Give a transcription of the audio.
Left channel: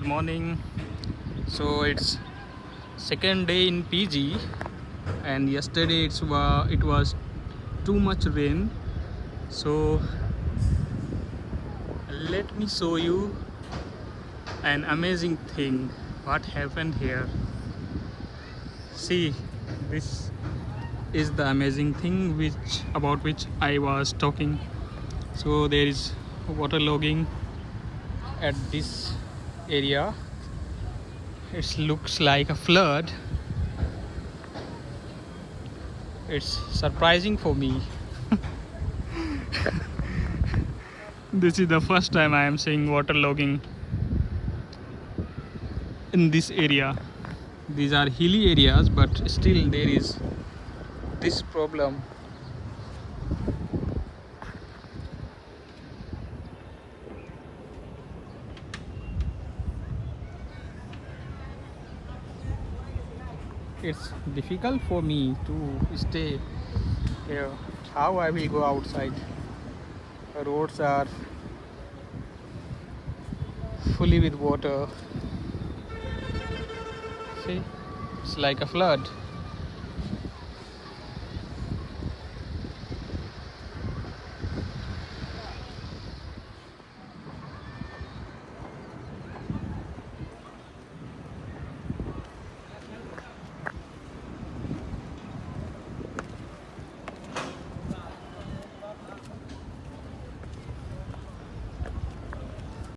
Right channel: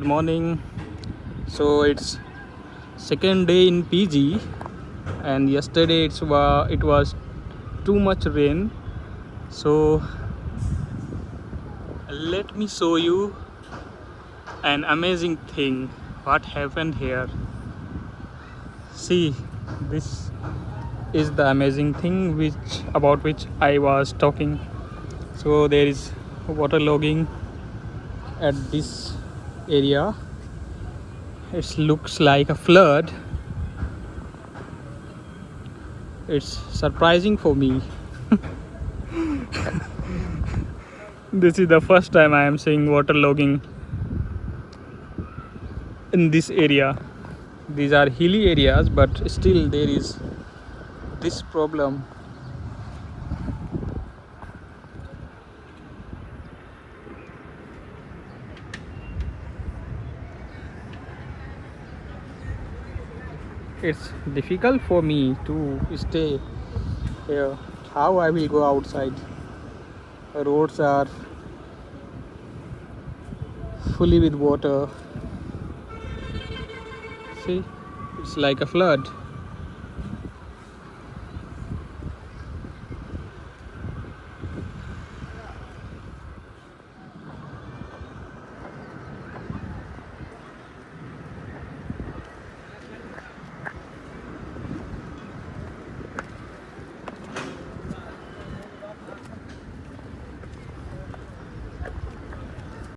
Good morning. So it's second day in PG, and yesterday it was too much rain. So let me show you an amazing thing. What happened here? See, this is the amazing thing about which I was talking. So there is waterlogging at this area. It looks like a flood. It's surprising for me. This is the first time I am seeing waterlogging in this area. These are hilly areas, but still there is this problem. It's difficult for me to stay here. How I will go outside? The roads are fully with water. See, it's like a flood.